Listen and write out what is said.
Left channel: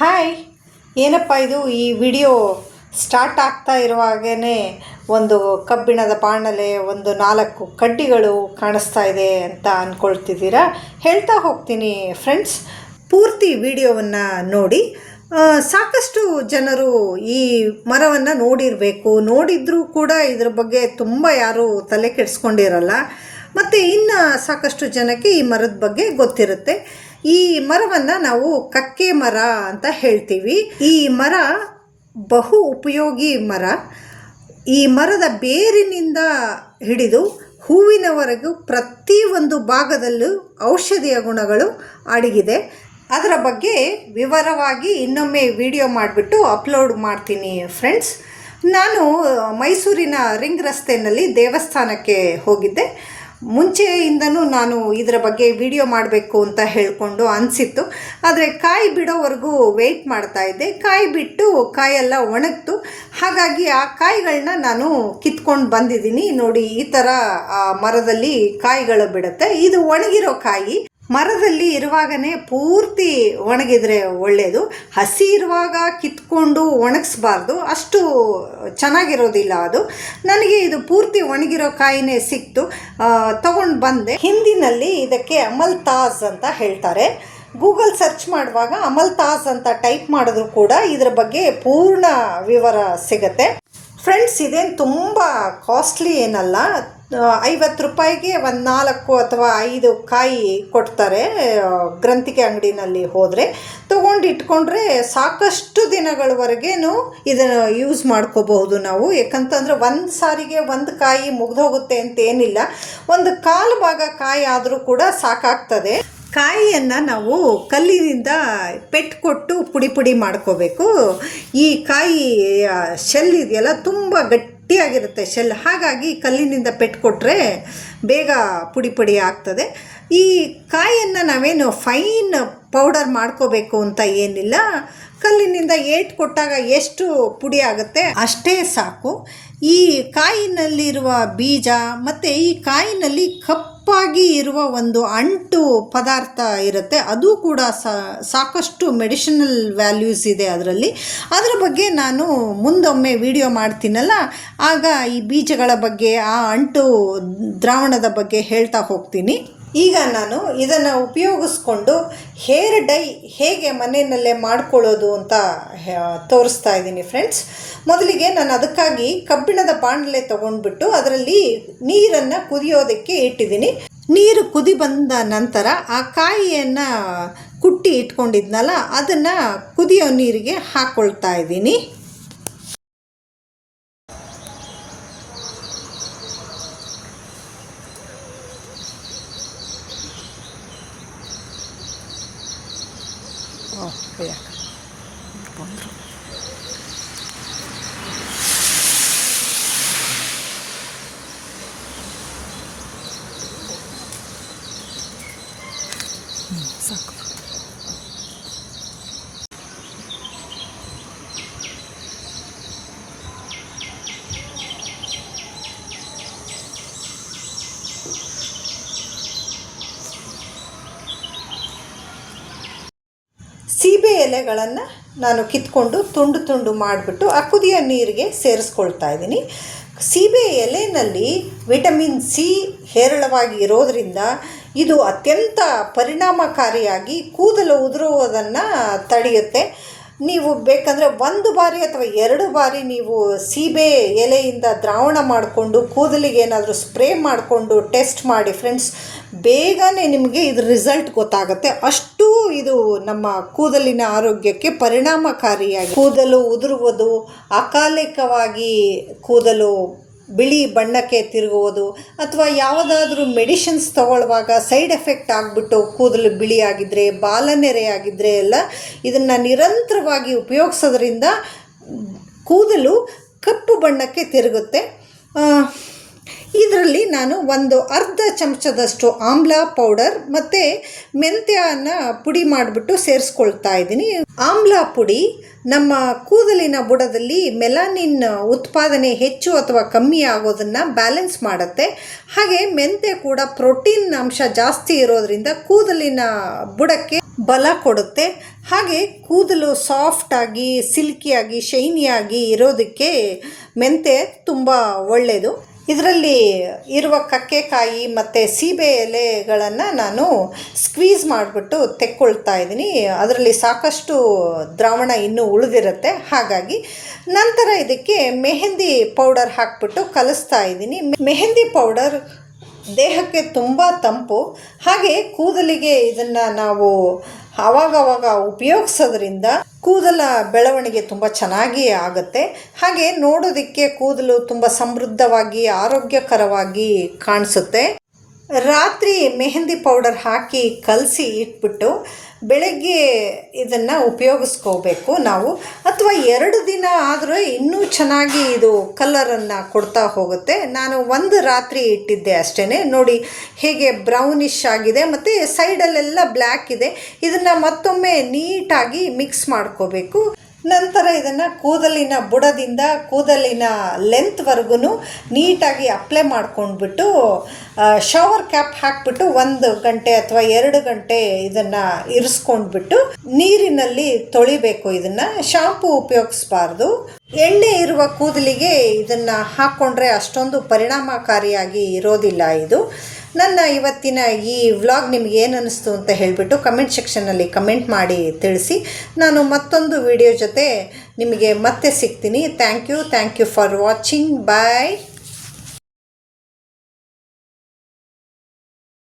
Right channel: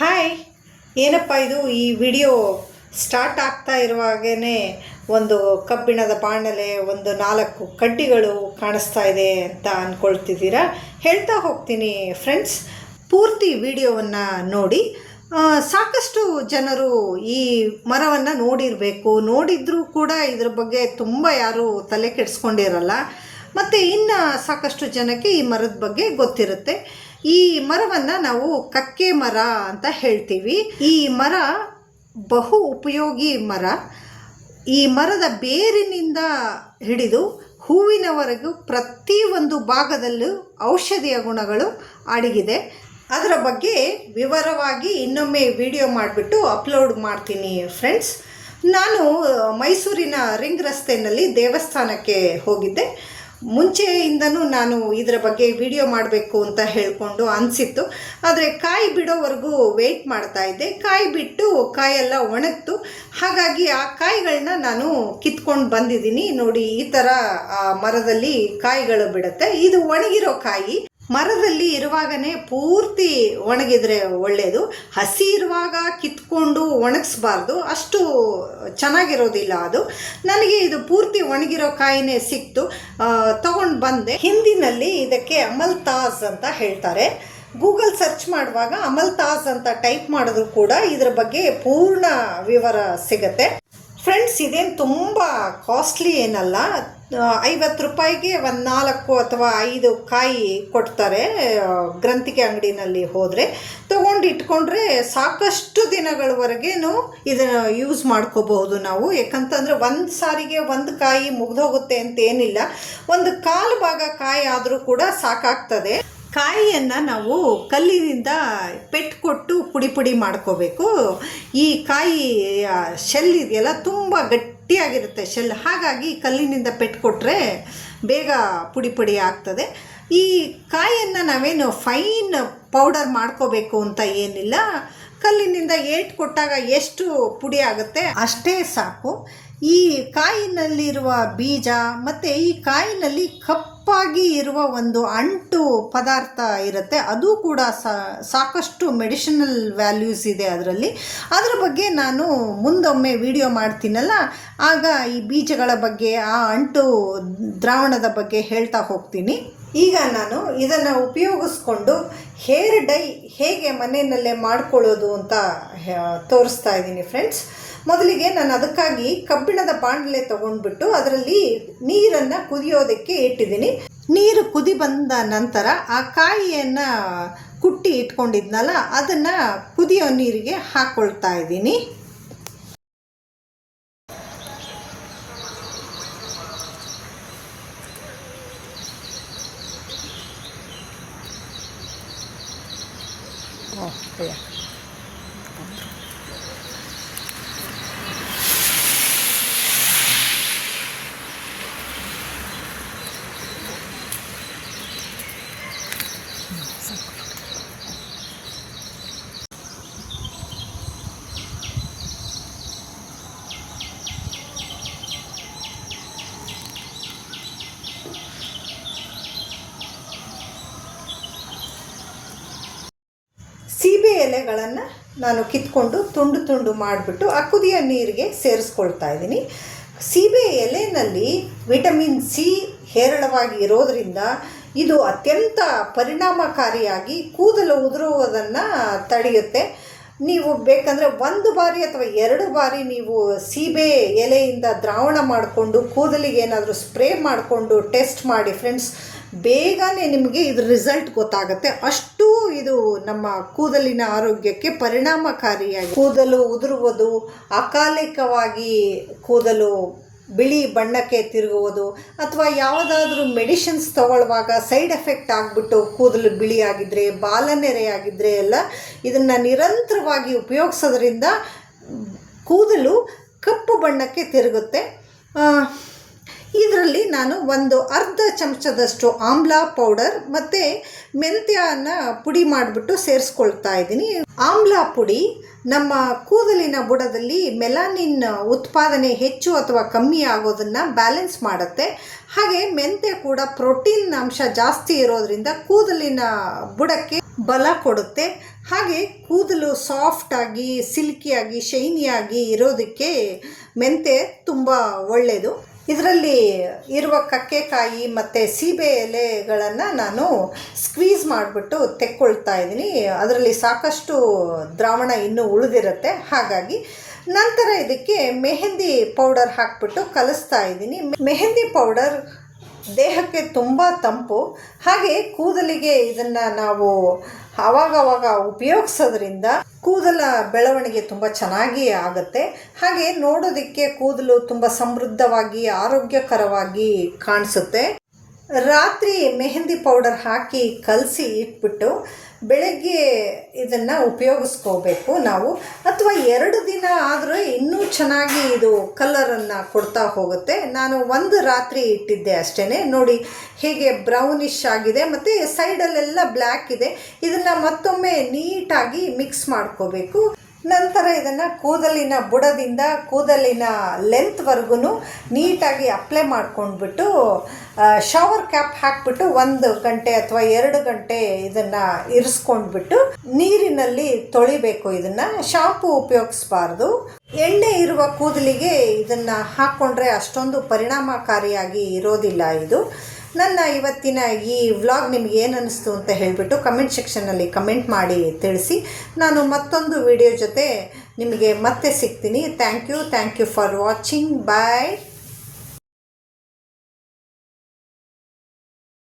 Hi ಏನಪ್ಪ ಇದು? ಈ ವಿಡಿಯೋ ಸ್ಟಾರ್ಟ್ ಆಗ್ತಾ ಇರುವಾಗೇ ಒಂದು ಕಬ್ಬಿಣದ ಬಾಣಲೆ, ಒಂದು ನಾಲ್ಕು ಕಡ್ಡಿಗಳು ಕಾಣಿಸ್ತಾ ಇದೆ ಅಂತ ಅಂದ್ಕೊಳ್ತಿದ್ದೀರಾ ಹೇಳ್ತಾ ಹೋಗ್ತೀನಿ ಫ್ರೆಂಡ್ಸ್ ಪೂರ್ತಿ ವಿಡಿಯೋವನ್ನು ನೋಡಿ. ಸಾಕಷ್ಟು ಜನರು ಈ ಮರವನ್ನು ನೋಡಿರಬೇಕು. ನೋಡಿದ್ರೂ ಕೂಡ ಇದ್ರ ಬಗ್ಗೆ ತುಂಬ ಯಾರೂ ತಲೆ ಕೆಡಿಸ್ಕೊಂಡಿರಲ್ಲ. ಮತ್ತು ಇನ್ನು ಸಾಕಷ್ಟು ಜನಕ್ಕೆ ಈ ಮರದ ಬಗ್ಗೆ ಗೊತ್ತಿರುತ್ತೆ. ಈ ಮರವನ್ನು ನಾವು ಕಕ್ಕೆ ಮರ ಅಂತ ಹೇಳ್ತೀವಿ. ಈ ಮರ ಬಹು ಉಪಯೋಗಿ ಮರ. ಈ ಮರದ ಬೇರಿನಿಂದ ಹಿಡಿದು ಹೂವಿನವರೆಗೂ ಪ್ರತಿ ಒಂದು ಭಾಗದಲ್ಲೂ ಔಷಧಿಯ ಗುಣಗಳು ಅಡಗಿದೆ. ಅದರ ಬಗ್ಗೆ ವಿವರವಾಗಿ ಇನ್ನೊಮ್ಮೆ ವಿಡಿಯೋ ಮಾಡಿಬಿಟ್ಟು ಅಪ್ಲೋಡ್ ಮಾಡ್ತೀನಿ ಫ್ರೆಂಡ್ಸ್. ನಾನು ಮೈಸೂರಿನ ರಿಂಗ್ ರಸ್ತೆಯಲ್ಲಿ ದೇವಸ್ಥಾನಕ್ಕೆ ಹೋಗಿದ್ದೆ. ಮುಂಚೆಯಿಂದನೂ ನಾನು ಇದರ ಬಗ್ಗೆ ವಿಡಿಯೋ ಮಾಡಬೇಕು ಅಂತ ಹೇಳಿಕೊಂಡು ಅನಿಸಿತ್ತು. ಆದರೆ ಕಾಯಿ ಬಿಡೋವರೆಗೂ ವೆಯ್ಟ್ ಮಾಡ್ತಾ ಇದ್ದೆ. ಕಾಯಿ ಬಿಟ್ಟು ಕಾಯೆಲ್ಲ ಒಣಗ್ತು. ಹಾಗಾಗಿ ಆ ಕಾಯಿಗಳನ್ನ ನಾನು ಕಿತ್ಕೊಂಡು ಬಂದಿದ್ದೀನಿ. ನೋಡಿ, ಈ ಥರ ಮರದಲ್ಲಿ ಕಾಯಿಗಳು ಬಿಡುತ್ತೆ. ಇದು ಒಣಗಿರೋ ಕಾಯಿ. ಮರದಲ್ಲಿ ಇರುವಾಗನೇ ಪೂರ್ತಿ ಒಣಗಿದರೆ ಒಳ್ಳೆಯದು ಹಸಿ ಇರುವಾಗ ಕಿತ್ಕೊಂಡು ಒಣಗಿಸ್ಬಾರ್ದು. ಅಷ್ಟು ಚೆನ್ನಾಗಿರೋದಿಲ್ಲ ಅದು. ನನಗೆ ಇದು ಪೂರ್ತಿ ಒಣಗಿರೋ ಕಾಯಿನೇ ಸಿಕ್ತು. ತಗೊಂಡು ಬಂದೆ. ಹಿಂದಿನಲ್ಲಿ ಇದಕ್ಕೆ ಅಮಲ್ ತಾಜ್ ಅಂತ ಹೇಳ್ತಾರೆ. ಗೂಗಲ್ ಸರ್ಚ್ ಮಾಡುವಾಗ ಅಮಲ್ ತಾಜ್ ಅಂತ ಟೈಪ್ ಮಾಡಿದ್ರು ಕೂಡ ಇದರ ಬಗ್ಗೆ ಪೂರ್ಣ ವಿವರ ಸಿಗತ್ತೆ. ಫ್ರೆಂಡ್ಸ್ ಇದೇನು ತುಂಬ ಕಾಸ್ಟ್ಲಿ ಏನಲ್ಲ. ಐವತ್ತು ರೂಪಾಯಿಗೆ ಒಂದು ನಾಲ್ಕು ಅಥವಾ ಐದು ಕಾಯಿ ಕೊಡ್ತಾರೆ ಗ್ರಂಥಿಕೆ ಅಂಗಡಿನಲ್ಲಿ ಹೋದರೆ. ತೊಗೊಂಡು ಇಟ್ಕೊಂಡ್ರೆ ಸಾಕಷ್ಟು ದಿನಗಳವರೆಗೇನು ಇದನ್ನು ಯೂಸ್ ಮಾಡ್ಕೋಬಹುದು ನಾವು. ಯಾಕಂತಂದರೆ ಒಂದು ಸಾರಿಗೆ ಒಂದು ಕಾಯಿ ಮುಗ್ದೋಗುತ್ತೆ ಅಂತ ಏನಿಲ್ಲ. ಒಂದು ಕಾಲು ಭಾಗ ಕಾಯಿ ಆದರೂ ಕೂಡ ಸಾಕಾಗ್ತದೆ. ಕಾಯಿಯನ್ನು ನಾವು ಕಲ್ಲಿನಿಂದ ಪೆಟ್ಟು ಕೊಟ್ಟು ಪುಡಿ ಪುಡಿ ಮಾಡ್ಕೋಬೇಕು. ಈ ಕಾಯಿ ಶೆಲ್ ಇದೆಯಲ್ಲ, ತುಂಬ ಗಟ್ಟಿಯಾಗಿರುತ್ತೆ ಶೆಲ್ ಹಾಗಾಗಿ ಕಲ್ಲಿನಿಂದ ಪೆಟ್ಟು ಕೊಟ್ಟರೆ ಬೇಗ ಪುಡಿ ಪುಡಿ ಆಗ್ತದೆ. ಈ ಕಾಯಿಯನ್ನು ನಾವೇನು ಫೈನ್ ಪೌಡರ್ ಮಾಡ್ಕೋಬೇಕು ಅಂತ ಏನಿಲ್ಲ. ಕಲ್ಲಿನಿಂದ ಏಟ್ ಕೊಟ್ಟಾಗ ಎಷ್ಟು ಪುಡಿ ಆಗುತ್ತೆ ಅಷ್ಟೇ ಸಾಕು. ಈ ಕಾಯಿನಲ್ಲಿರುವ ಬೀಜ ಮತ್ತು ಈ ಕಾಯಿನಲ್ಲಿ ಕಪ್ಪಾಗಿ ಇರುವ ಒಂದು ಅಂಟು ಪದಾರ್ಥ ಇರುತ್ತೆ. ಅದು ಕೂಡ ಸಾಕಷ್ಟು ಮೆಡಿಷನಲ್ ವ್ಯಾಲ್ಯೂಸ್ ಇದೆ ಅದರಲ್ಲಿ. ಅದರ ಬಗ್ಗೆ ನಾನು ಮುಂದೊಮ್ಮೆ ವಿಡಿಯೋ ಮಾಡ್ತೀನಲ್ಲ? ಆಗ ಈ ಬೀಜಗಳ ಬಗ್ಗೆ, ಆ ಅಂಟು ದ್ರಾವಣದ ಬಗ್ಗೆ ಹೇಳ್ತಾ ಹೋಗ್ತೀನಿ. ಈಗ ನಾನು ಇದನ್ನು ಉಪಯೋಗಿಸ್ಕೊಂಡು ಹೇರ್ ಡೈ ಹೇಗೆ ಮನೆಯಲ್ಲೇ ಮಾಡ್ಕೊಳ್ಳೋದು ಅಂತ ತೋರಿಸ್ತಾ ಇದ್ದೀನಿ ಫ್ರೆಂಡ್ಸ್ ಮೊದಲಿಗೆ ನಾನು ಅದಕ್ಕಾಗಿ ಕಬ್ಬಿಣದ ಬಾಣಲೆ ತೊಗೊಂಡ್ಬಿಟ್ಟು ಅದರಲ್ಲಿ ನೀರನ್ನು ಕುದಿಯೋದಕ್ಕೆ ಇಟ್ಟಿದ್ದೀನಿ. ನೀರು ಕುದಿ ಬಂದ ನಂತರ ಆ ಕಾಯಿಯನ್ನು ಕುಟ್ಟಿ ಇಟ್ಕೊಂಡಿದ್ನಲ್ಲ, ಅದನ್ನು ಕುದಿಯೋ ನೀರಿಗೆ ಹಾಕ್ಕೊಳ್ತಾ ಇದ್ದೀನಿ. ಸೀಬೆ ಎಲೆಗಳನ್ನು ನಾನು ಕಿತ್ಕೊಂಡು ತುಂಡು ತುಂಡು ಮಾಡಿಬಿಟ್ಟು ಆ ಕುದಿಯ ನೀರಿಗೆ ಸೇರಿಸ್ಕೊಳ್ತಾ ಇದ್ದೀನಿ. ಸೀಬೆ ಎಲೆಯಲ್ಲಿ ವಿಟಮಿನ್ ಸಿ ಹೇರಳವಾಗಿ ಇರೋದರಿಂದ ಇದು ಅತ್ಯಂತ ಪರಿಣಾಮಕಾರಿಯಾಗಿ ಕೂದಲು ಉದುರುವುದನ್ನು ತಡೆಯುತ್ತೆ. ನೀವು ಬೇಕಂದರೆ ಒಂದು ಬಾರಿ ಅಥವಾ ಎರಡು ಬಾರಿ ನೀವು ಸೀಬೆ ಎಲೆಯಿಂದ ದ್ರಾವಣ ಮಾಡಿಕೊಂಡು ಕೂದಲಿಗೆ ಏನಾದರೂ ಸ್ಪ್ರೇ ಮಾಡಿಕೊಂಡು ಟೆಸ್ಟ್ ಮಾಡಿ ಫ್ರೆಂಡ್ಸ್ ಬೇಗನೆ ನಿಮಗೆ ಇದು ರಿಸಲ್ಟ್ ಗೊತ್ತಾಗುತ್ತೆ. ಅಷ್ಟು ಇದು ನಮ್ಮ ಕೂದಲಿನ ಆರೋಗ್ಯಕ್ಕೆ ಪರಿಣಾಮಕಾರಿಯಾಗಿ ಕೂದಲು ಉದುರುವುದು ಅಕಾಲಿಕವಾಗಿ ಕೂದಲು ಬಿಳಿ ಬಣ್ಣಕ್ಕೆ ತಿರುಗುವುದು ಅಥವಾ ಯಾವುದಾದ್ರೂ ಮೆಡಿಷನ್ಸ್ ತಗೊಳ್ಳುವಾಗ ಸೈಡ್ ಎಫೆಕ್ಟ್ ಆಗಿಬಿಟ್ಟು ಕೂದಲು ಬಿಳಿಯಾಗಿದರೆ ಬಾಲನೆರೆ ಆಗಿದ್ದರೆ ಎಲ್ಲ ಇದನ್ನು ನಿರಂತರವಾಗಿ ಉಪಯೋಗಿಸೋದ್ರಿಂದ ಕೂದಲು ಕಪ್ಪು ಬಣ್ಣಕ್ಕೆ ತಿರುಗುತ್ತೆ. ಇದರಲ್ಲಿ ನಾನು ಒಂದು ಅರ್ಧ ಚಮಚದಷ್ಟು ಆಮ್ಲ ಪೌಡರ್ ಮತ್ತು ಮೆಂತ್ಯನ ಪುಡಿ ಮಾಡಿಬಿಟ್ಟು ಸೇರಿಸ್ಕೊಳ್ತಾ ಇದ್ದೀನಿ. ಆಮ್ಲ ಪುಡಿ ನಮ್ಮ ಕೂದಲಿನ ಬುಡದಲ್ಲಿ ಮೆಲಾನಿನ್ ಉತ್ಪಾದನೆ ಹೆಚ್ಚು ಅಥವಾ ಕಮ್ಮಿ ಆಗೋದನ್ನು ಬ್ಯಾಲೆನ್ಸ್ ಮಾಡುತ್ತೆ. ಹಾಗೆ ಮೆಂತೆ ಕೂಡ ಪ್ರೋಟೀನ್ ಅಂಶ ಜಾಸ್ತಿ ಇರೋದರಿಂದ ಕೂದಲಿನ ಬುಡಕ್ಕೆ ಬಲ ಕೊಡುತ್ತೆ. ಹಾಗೆ ಕೂದಲು ಸಾಫ್ಟಾಗಿ ಸಿಲ್ಕಿಯಾಗಿ, ಶೈನಿಯಾಗಿ ಇರೋದಕ್ಕೆ ಮೆಂತೆ ತುಂಬ ಒಳ್ಳೆಯದು ಇದರಲ್ಲಿ ಇರುವ ಕಕ್ಕೆಕಾಯಿ ಮತ್ತು ಸೀಬೆ ಎಲೆಗಳನ್ನು ನಾನು ಸ್ಕ್ವೀಸ್ ಮಾಡಿಬಿಟ್ಟು ತೆಕ್ಕೊಳ್ತಾ ಇದ್ದೀನಿ. ಅದರಲ್ಲಿ ಸಾಕಷ್ಟು ದ್ರಾವಣ ಇನ್ನೂ ಉಳಿದಿರುತ್ತೆ. ಹಾಗಾಗಿ ನಂತರ ಇದಕ್ಕೆ ಮೆಹೆಂದಿ ಪೌಡರ್ ಹಾಕ್ಬಿಟ್ಟು ಕಲಿಸ್ತಾ ಇದ್ದೀನಿ. ಮೆಹೆಂದಿ ಪೌಡರ್ ದೇಹಕ್ಕೆ ತುಂಬ ತಂಪು. ಹಾಗೆ ಕೂದಲಿಗೆ ಇದನ್ನು ನಾವು ಆವಾಗವಾಗ ಉಪಯೋಗಿಸೋದ್ರಿಂದ ಕೂದಲ ಬೆಳವಣಿಗೆ ತುಂಬ ಚೆನ್ನಾಗಿ ಆಗುತ್ತೆ. ಹಾಗೆ ನೋಡೋದಕ್ಕೆ ಕೂದಲು ತುಂಬ ಸಮೃದ್ಧವಾಗಿ ಆರೋಗ್ಯಕರವಾಗಿ ಕಾಣಿಸುತ್ತೆ. ರಾತ್ರಿ ಮೆಹಂದಿ ಪೌಡರ್ ಹಾಕಿ ಕಲಸಿ ಇಟ್ಬಿಟ್ಟು ಬೆಳಗ್ಗೆ ಇದನ್ನು ಉಪಯೋಗಿಸ್ಕೋಬೇಕು ನಾವು. ಅಥವಾ ಎರಡು ದಿನ ಆದರೂ ಇನ್ನೂ ಚೆನ್ನಾಗಿ ಇದು ಕಲರನ್ನು ಕೊಡ್ತಾ ಹೋಗುತ್ತೆ. ನಾನು ಒಂದು ರಾತ್ರಿ ಇಟ್ಟಿದ್ದೆ ಅಷ್ಟೇ ನೋಡಿ, ಹೇಗೆ ಬ್ರೌನಿಶ್ ಆಗಿದೆ ಮತ್ತು ಸೈಡಲ್ಲೆಲ್ಲ ಬ್ಲ್ಯಾಕ್ ಇದೆ. ಇದನ್ನು ಮತ್ತೊಮ್ಮೆ ನೀಟಾಗಿ ಮಿಕ್ಸ್ ಮಾಡ್ಕೋಬೇಕು. ನಂತರ ಇದನ್ನು ಕೂದಲಿನ ಬುಡದಿಂದ ಕೂದಲಿನ ಲೆಂತ್ವರೆಗೂ ನೀಟಾಗಿ ಅಪ್ಲೈ ಮಾಡ್ಕೊಂಡ್ಬಿಟ್ಟು ಶವರ್ ಕ್ಯಾಪ್ ಹಾಕ್ಬಿಟ್ಟು ಒಂದು ಗಂಟೆ ಅಥವಾ ಎರಡು ಗಂಟೆ ಇದನ್ನು ಇರಿಸ್ಕೊಂಡ್ಬಿಟ್ಟು ನೀರಿನಲ್ಲಿ ತೊಳಿಬೇಕು ಇದನ್ನು. ಶಾಂಪು ಉಪಯೋಗಿಸ್ಬಾರ್ದು. ಎಣ್ಣೆ ಇರುವ ಕೂದಲಿಗೆ ಇದನ್ನು ಹಾಕ್ಕೊಂಡ್ರೆ ಅಷ್ಟೊಂದು ಪರಿಣಾಮಕಾರಿಯಾಗಿ ಇರೋದಿಲ್ಲ ಇದು. ನನ್ನ ಇವತ್ತಿನ ಈ ವ್ಲಾಗ್ ನಿಮಗೆ ಏನು ಅನ್ನಿಸ್ತು ಅಂತ ಹೇಳಿಬಿಟ್ಟು ಕಮೆಂಟ್ ಸೆಕ್ಷನಲ್ಲಿ ಕಮೆಂಟ್ ಮಾಡಿ ತಿಳಿಸಿ. ನಾನು ಮತ್ತೊಂದು ವಿಡಿಯೋ ಜೊತೆ ನಿಮಗೆ ಮತ್ತೆ ಸಿಗ್ತೀನಿ. Thank you thank you for watching bye